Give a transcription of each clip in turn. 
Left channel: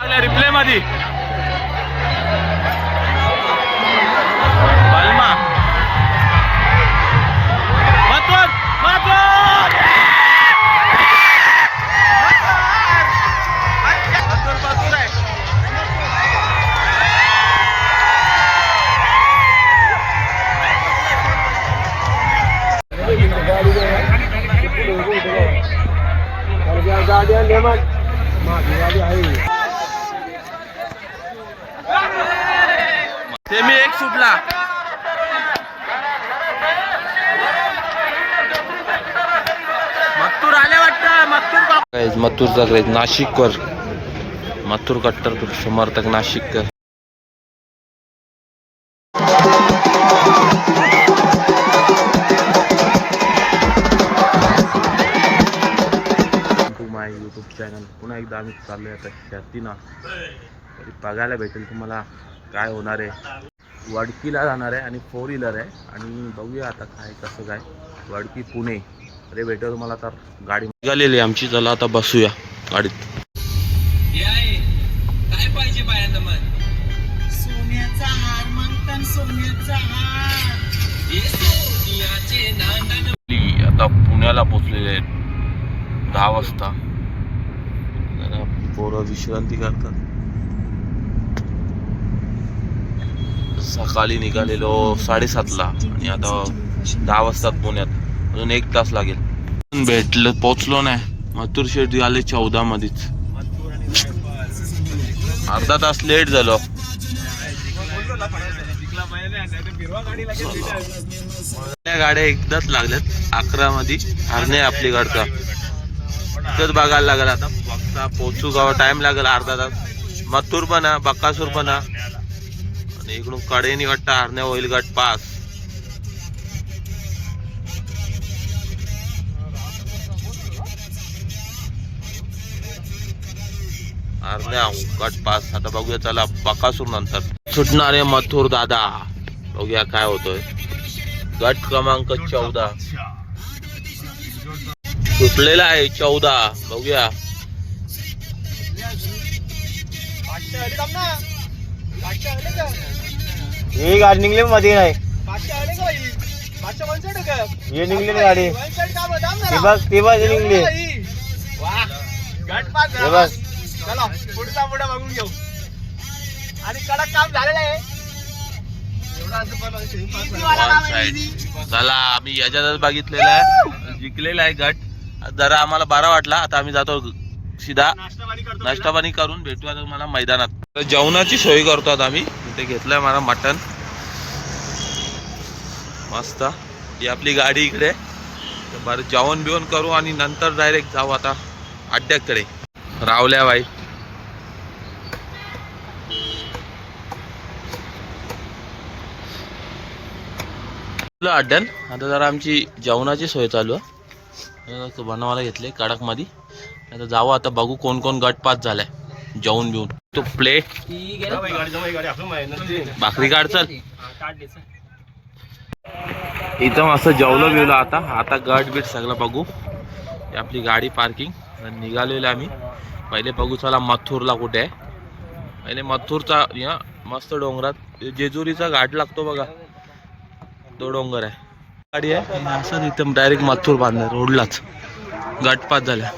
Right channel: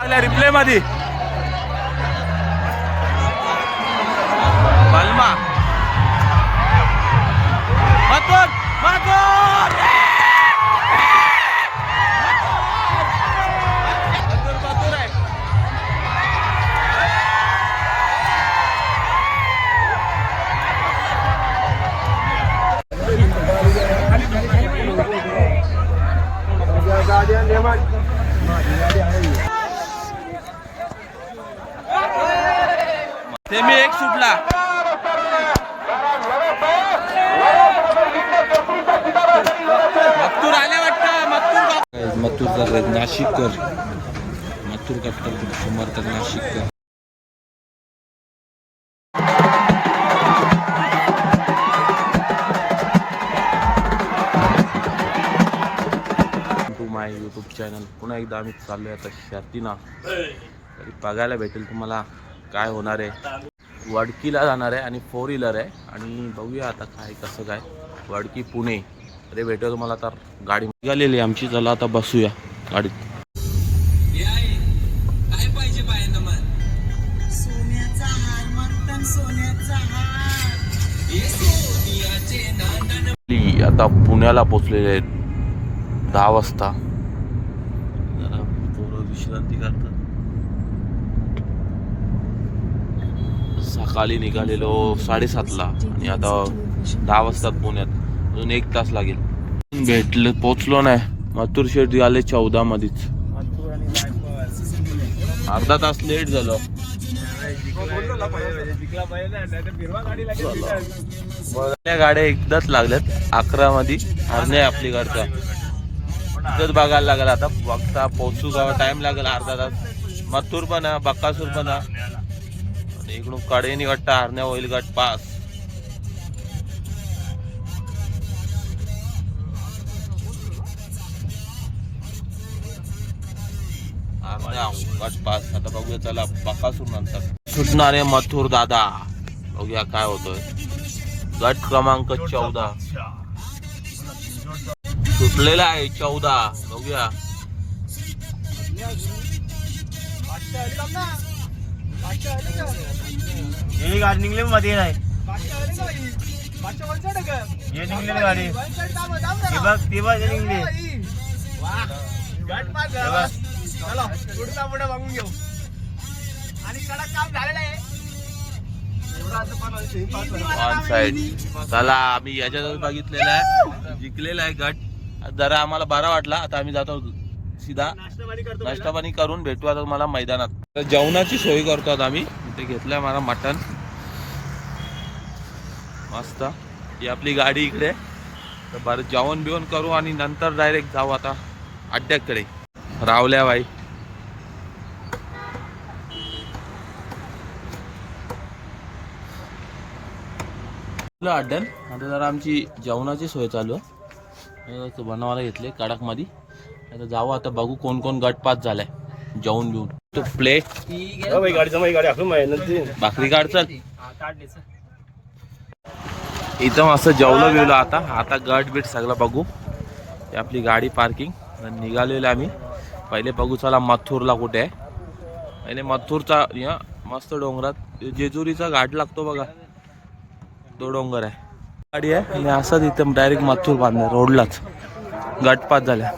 Replay मध्ये बलमा मथुर मथुर ते एक सुटला. मत्तूर आल्या वाटतं. मत्तूर मत्तूरचा ग्रेज नाशिकवर मत्तूर कट्टर समर्थक नाशिककर. माय यूट्यूब चॅनल पुन्हा एकदा आम्ही चाललोय आता शर्तीना. तरी बघायला भेटेल तुम्हाला काय होणार आहे. वडकीला जाणार आहे आणि फोर व्हीलर आहे. आणि बघूया आता काय कसं काय. वडकी पुणे. अरे भेटेल तुम्हाला तर. गाडी निघालेली आहे आमची. चला आता बसूया गाडीत. सोन्याचा हार म्हणतात सोन्याचा हार. ली आता पुण्याला पोचलेले आहेत. दहा वाजता. जरा पोरं विश्रांती करतात. सकाळी निघालेलो साडेसातला. आणि आता दहा वाजतात पुण्यात. अजून एक तास लागेल. भेटलं पोचलो नाही. मथुर शेट आले चौदा मध्येच अर्धा तास लेट झालो. गाड्या एकदाच लागल्यात. अकरा मध्ये हरणे आपली गाडचा. इथंच बघायला लागेल आता. बघता पोचू गाव टाइम लागेल अर्धा तास. मथुर पण बक्कासूर पण आणि इकडून कडेनी वाटतं हरण्या होईल गट पास. हरण्या गट पास. आता बघूया चला बकासूर नंतर. सुटणारे मथुर दादा. बघूया काय होतोय. गट क्रमांक चौदा. सुटलेला आहे चौदा. बघूया. ही गाडी निघली मध्ये नाही. हे निघली ना गाडी. ती बघ ती बघ ही निघली. हे बघ. चलो पुढचा पुढे बघून घेऊ. आणि कडक काम झालेलं आहे. वन साइड चला आम्ही याच्यातच बघितलेला आहे. जिंकलेला आहे गट. जरा आम्हाला बरा वाटला. आता आम्ही जातो सीधा. नाश्ता पाणी करून भेटू आता मला मैदानात. तर जेवणाची सोय करतो आम्ही. इथे घेतलंय मला मटण. मस्त. ही आपली गाडी इकडे. तर बरं जेवण बिवण करू आणि नंतर डायरेक्ट जाऊ आता अड्ड्याकडे. रावल्या बाई. अड्ड्यान. आता जरा आमची जेवणाची सोय चालू आहे. बनवायला घेतले कडकमध्ये आता जाऊ आता बघू कोण कोण गटपात झालाय. जाऊन बिवून तू प्ले भाकरी काढ चल. इथं मस्त जेवलं बिवलं आता. आता गट बीट सगळं बघू. आपली गाडी पार्किंग निघालेलो आम्ही. पहिले बघू चला मथुरला कुठे आहे. पहिले मथुरचा या मस्त डोंगरात. जेजुरीचा घाट लागतो बघा. तो डोंगर आहे. गाडी आहे. आणि असंच इथं डायरेक्ट मथुर बांधलाय रोडलाच. गटपात झाल्या.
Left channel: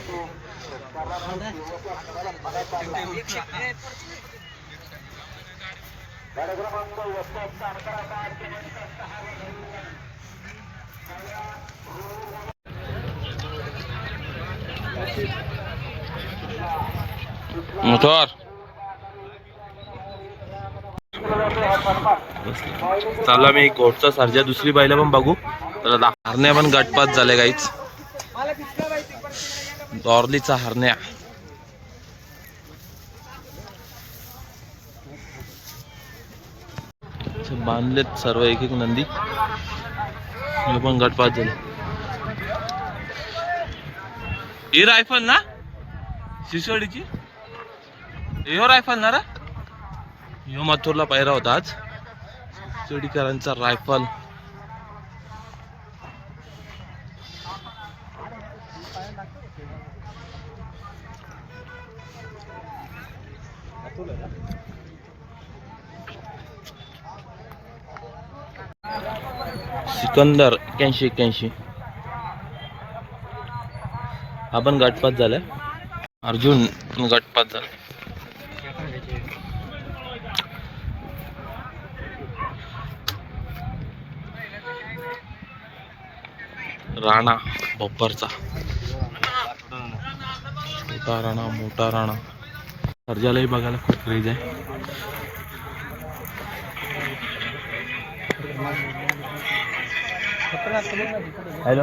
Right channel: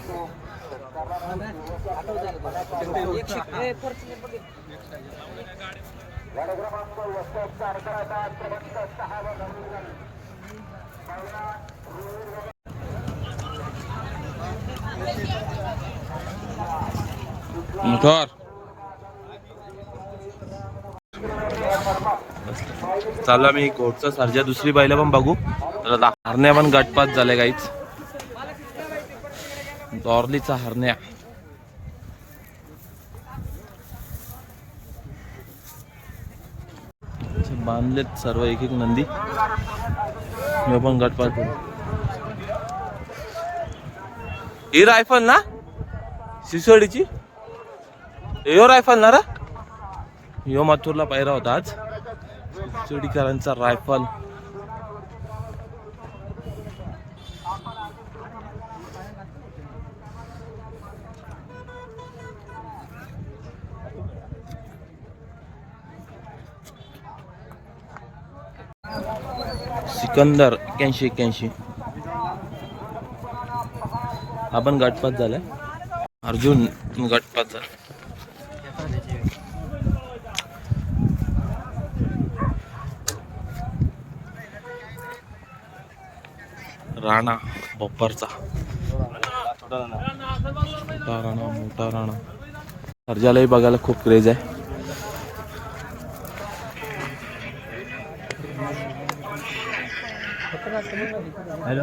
मोठर चालू आम्ही कोटचा सर्जा दुसरी बाईला पण बघू. तर हरण्या पण गटपात झाले काहीच दॉर्लीचा हरण्या बांधलेत सर्व एक एक नंदी पण गटपात झाले ही रायफल ना सिसोडीची यो रायफल ना रा यो मथुरला पायरा होता आज चडीकरांचा रायफल सिकंदर एक्याऐंशी एक्याऐंशी आपण गटपात झालाय अर्जुन गटपात झाला. राणा बप्परचा मोठा राणा मोठा राणा. सर्जालाही बघायला खूप क्रेज आहे. हॅलो.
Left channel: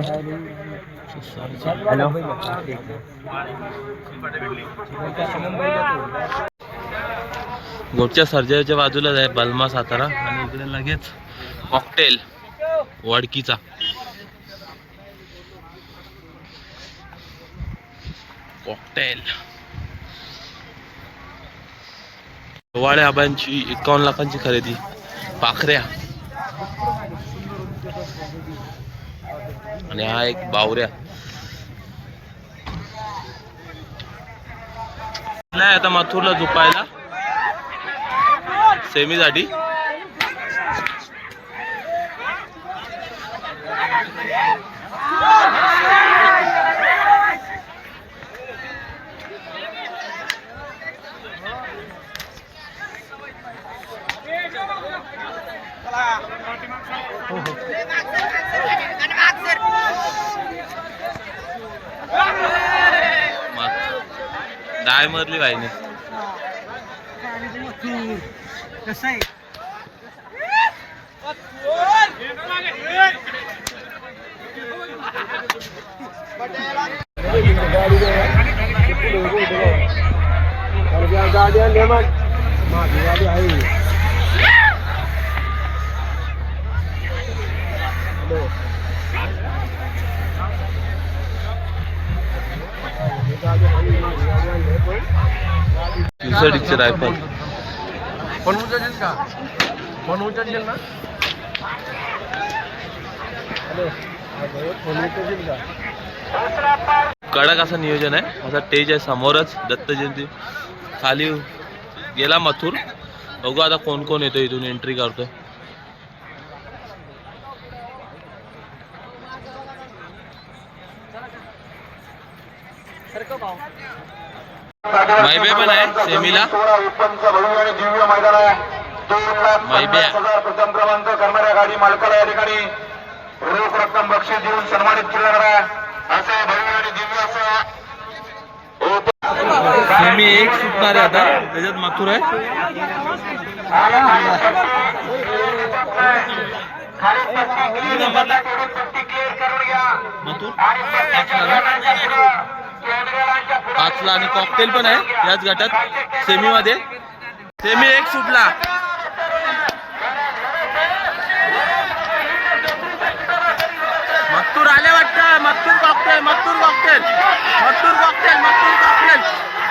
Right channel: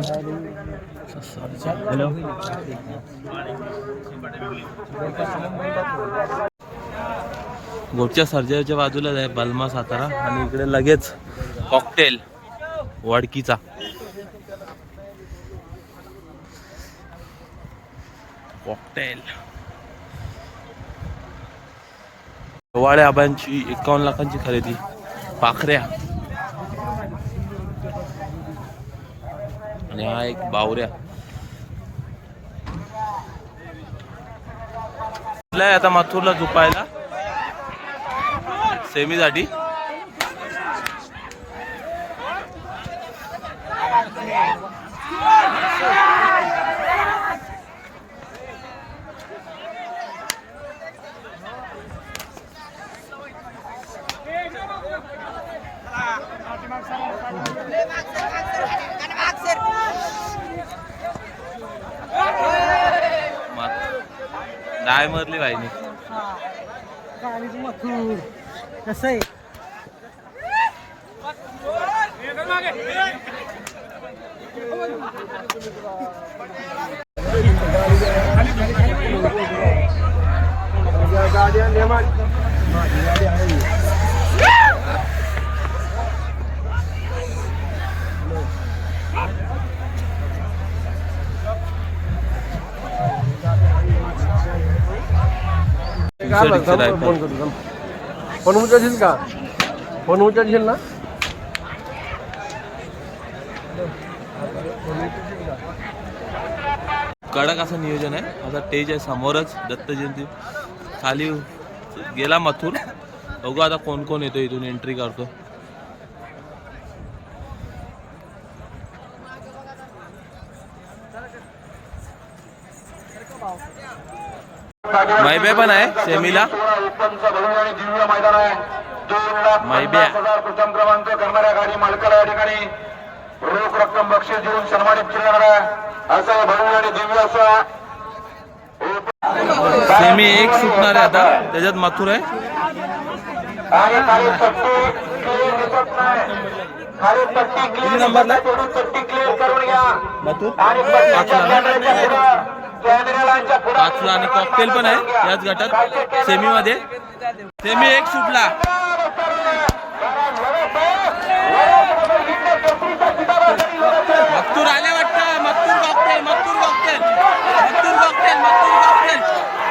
हॅलो. गोपच्या सर्जाच्या बाजूलाच आहे बलमा सातारा आणि इकडे लगेच कॉकटेल वडकीचा. कॉकटेल वाळे आबांची एकावन्न लाखांची खरेदी. पाखऱ्या. आणि हा एक बावऱ्या. आता माथूरला झोपायला? सेमीसाठी. થાય નહીં કસાઈ दिवसाडीचे रायफल उचलशील का? उचलशील ना? कडक असं नियोजन आहे. असा टेज आहे समोरच दत्त जयंती खाली गेला मथुर. बघू आता कोण कोण येतो इथून एंट्री करतोय. मायबे पण आहे सेमीला. मायब्या. प्रथम क्रमांक करणाऱ्या गाडी मालकाला या ठिकाणी रोख रक्कम बक्षीस देऊन सन्मानित केलं जाणार आहे असं भव्य आणि दिव्य असं सेमी एक सुटणार आहे आता त्याच्यात मथुर आहे मथुर पाचला आणि कॉकटेल पण आहे याच गटात सेमी मध्ये सेमी एक सुटला. मत्तूर आल्या वाटतं. मत्तूर कॉकटेल मत्तूर कॉकटेल मत्तूर कॉकटेल मत्तूर कॉकटेल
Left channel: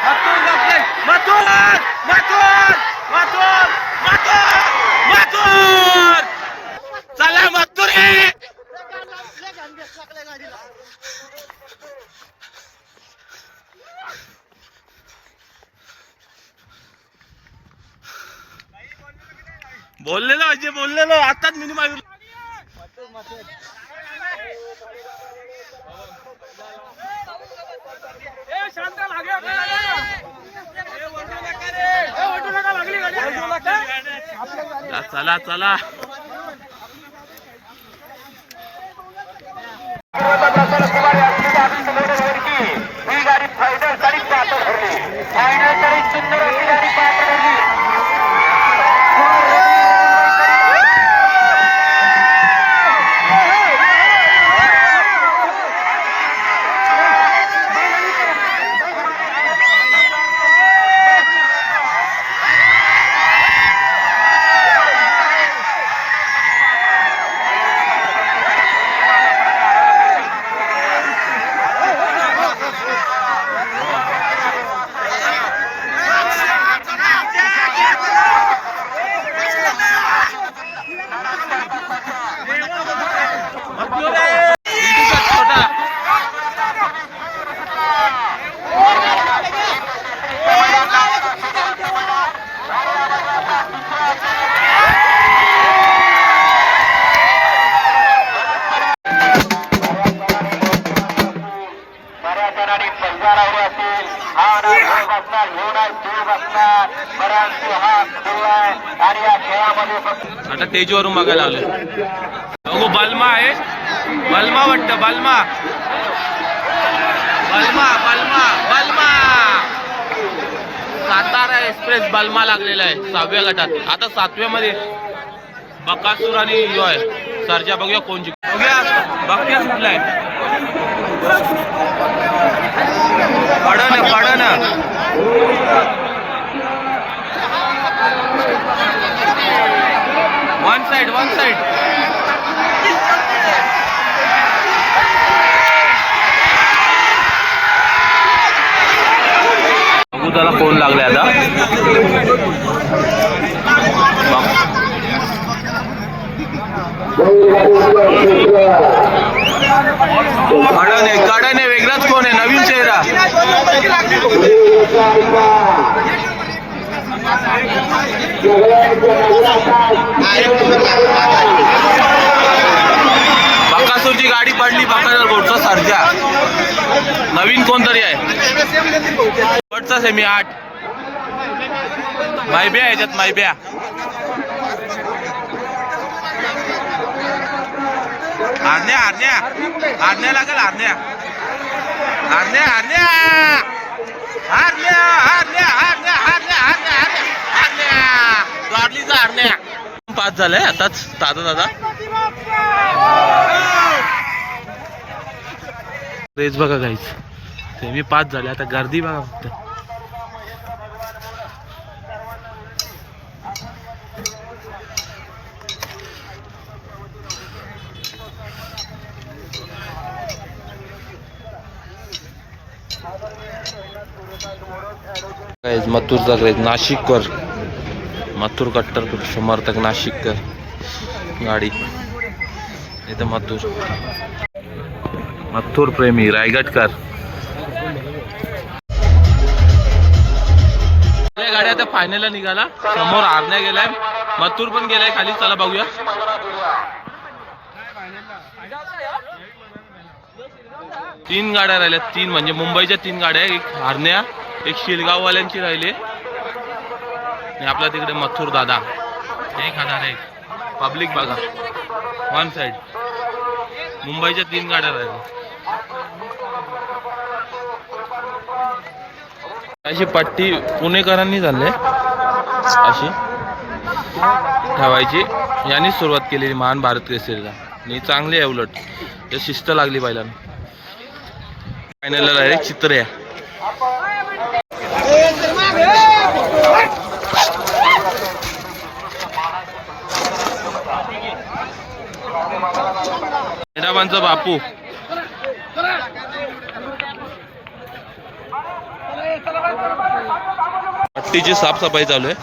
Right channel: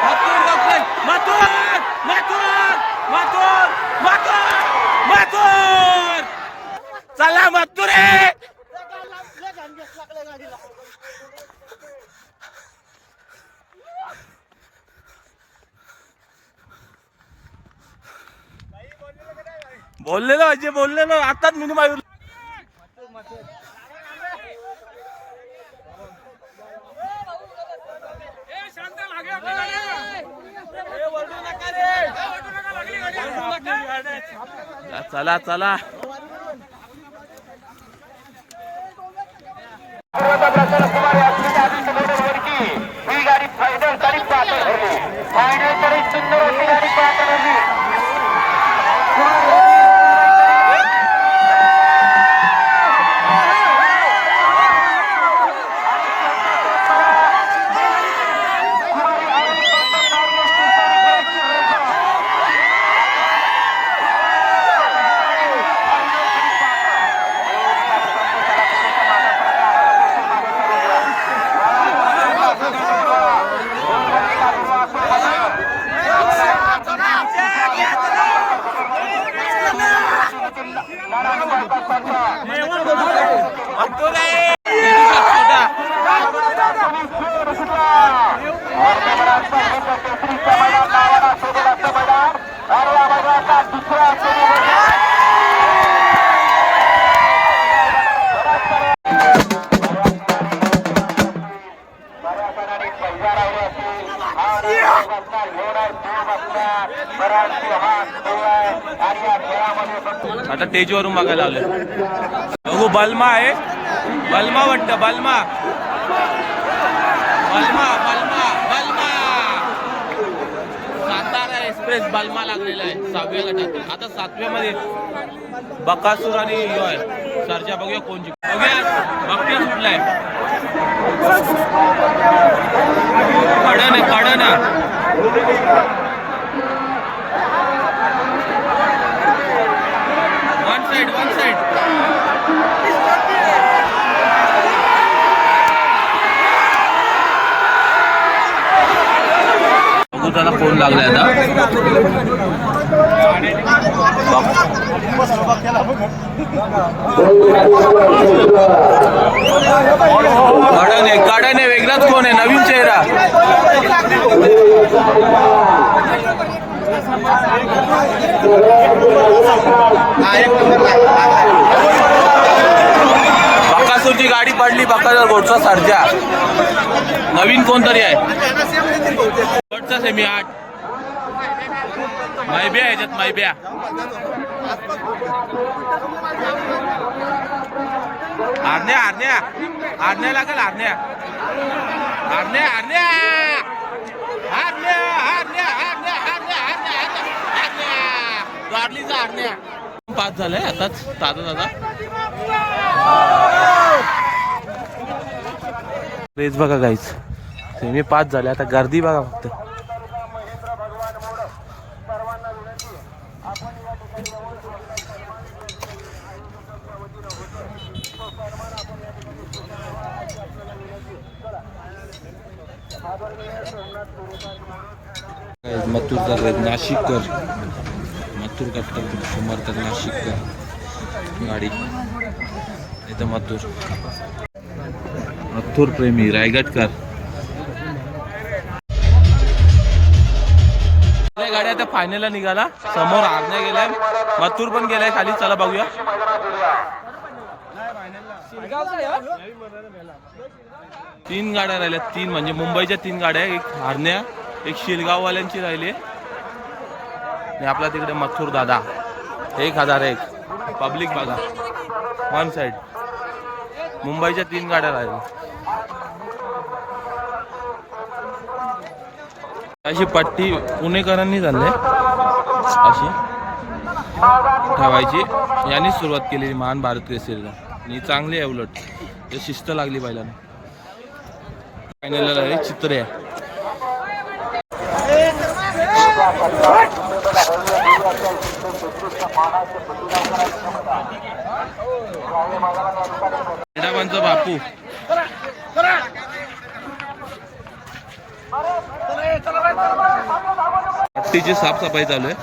मत्तूर कॉकटेल मथुर मथुर मथुर मथुर मथुर चला मत्तूर रे बोललेलो अजय बोललेलो आताच मी मायूर चला चला. कुमार ही गाडी फायनलसाठी पात्र ठरली. फायनलसाठी सुंदर अशी गाडी पात्र ठरली या ठिकाणी पंजारावर असतील. हा नाही असणार हे नाही दोघ असणार परंतु हा खेळ आहे आणि या खेळामध्ये आता तेजीवरून मागायला आलो हो बलमा आहे. बलमा वाटत बलमा. बलमा बलमा बलमा. सातारा एक्सप्रेस बलमा लागलेला आहे सहाव्या गटात. आता सातव्या मध्ये बकासूर आणि यो आहे. सरजा बघूया कोण जिंक बघूया बघूया कुठला आहे. काढा ना काढा ना वन साइड वन साइड त्याला फोन लागलाय आता. कडन आहे कडन आहे वेगळाच कोण आहे? नवीन चेहरा. बकासूरची गाडी पडली बकासूर गोडचा सारख्या नवीन कोणतरी आहे? गोडचा सेमी आठ. मायब्या याच्यात मायब्या आज्ञा आज्ञा आज्ञा लागेल आज्ञा आज्ञा आरण्या आज्ञा आज्ञा आज्ञा आज्ञा आज्ञा आज्ञा हारण्या गाडलीचा आरण्या पाच झालंय आताच दादा दादा. रेस बघा गाईच ते मी पाच झाले. आता गर्दी बघा फक्त. Guys, मथुरचा नाशिककर. मथुर कट्टर समर्थक नाशिककर. गाडी. इथं मथुर. मथुर प्रेमी रायगडकर. गाड्या आता फायनलला निघाला. समोर आरण्या गेलाय. मथुर पण गेलाय खाली. चला बघूया. तीन गाड्या राहिल्या तीन म्हणजे मुंबईच्या तीन गाड्या एक हारण्या एक शिलगाववाल्यांची राहिली. आणि आपला तिकडे मथुर दादा. एक हजार एक. पब्लिक बघा. वन साईड मुंबईच्या तीन गाड्या राहिल्या. अशी पट्टी पुणेकरांनी झाले. अशी. ठेवायची. यांनी सुरुवात केलेली महान भारत केसरीला. आणि चांगली आहे उलट. शिस्त लागली पहिल्यानं फायनलला डायरेक्ट चित्र साहेबांचा बापू. हत्तीची साफसफाई चालू आहे.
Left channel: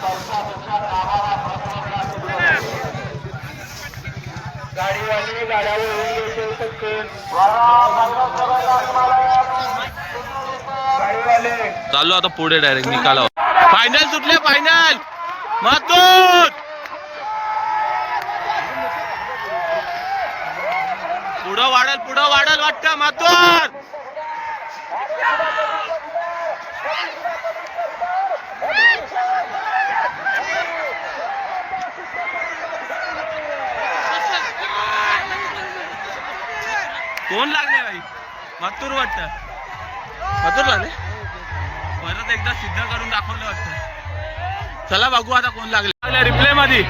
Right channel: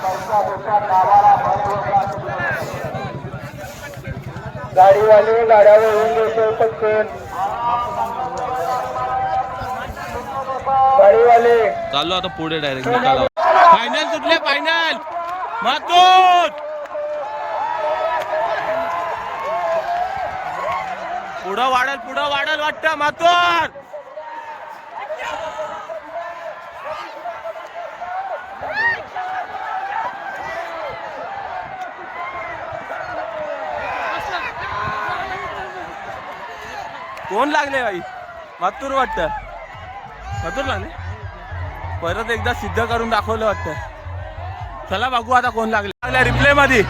चालू आता पुढे डायरेक्ट निकाला फायनल सुटले फायनल मातोत पुढं वाढल पुढं वाढल वाटतं मातूर कोण लागले बाई मातूर वाटतं. मातूर लागले? परत एकदा सिद्ध करून दाखवलं वाटतं. चला बघू आता कोण लागले. रिप्ले मध्ये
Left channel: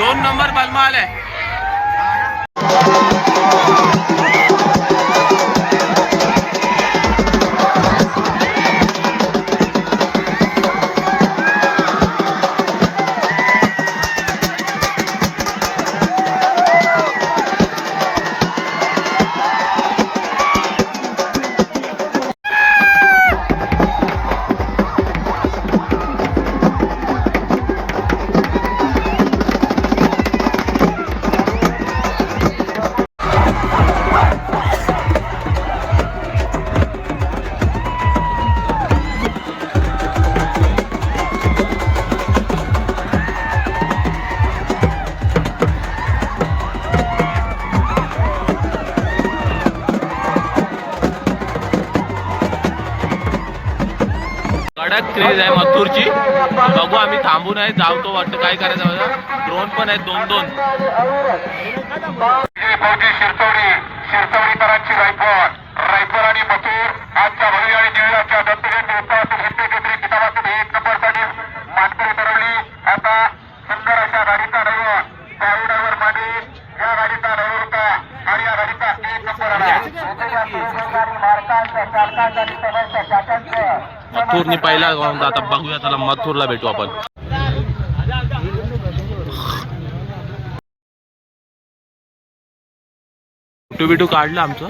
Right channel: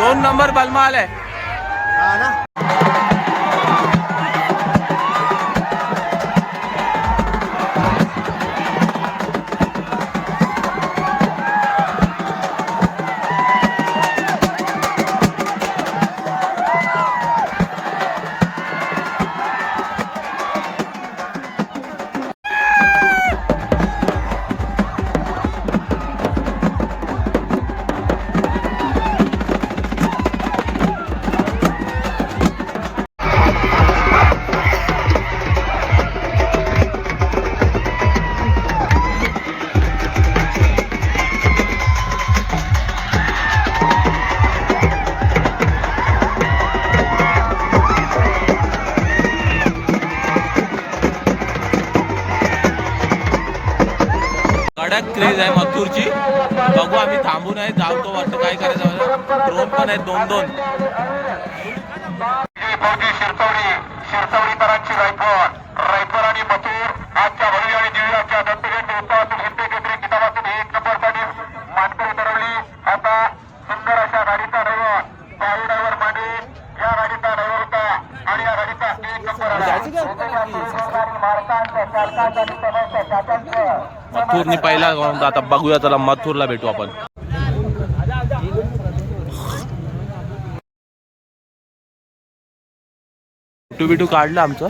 दोन नंबर बलमा आलाय कडक क्रेज आहे मथुरची. बघू आम्ही थांबू नाही जावतो वाटतं काय करायचं ड्रोन पण आहेत दोन दोन. विजय फौजी शिरसवडी शिरसवडीकरांची रायफल आणि मथुर आजच्या भव्य आणि दिव्याच्या दत्तजयंती उत्सवातील हिंदी केसरी किताबातील एक नंबरसाठी मानकरी ठरवली आता सुंदर अशा गाडीचा ड्रायव्हर पाळू ड्रायव्हर मांडे या गाडीचा ड्रायव्हर होता आणि या गाडीचा एक नंबर आला गाडी भारताच्या चालकाचा आणि समोरच्या चाकांचं मथुरने पहिला राऊंड आता बघूया चला मथुरला भेटू आपण. फोटो बिटू काढलं आमचं.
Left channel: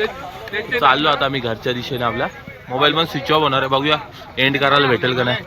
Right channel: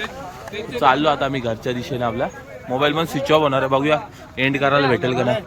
चाललो आता आम्ही घरच्या दिशेने आपल्या. मोबाईल पण स्विच ऑफ होणार आहे बघूया. एंड करायला भेटेल का नाही?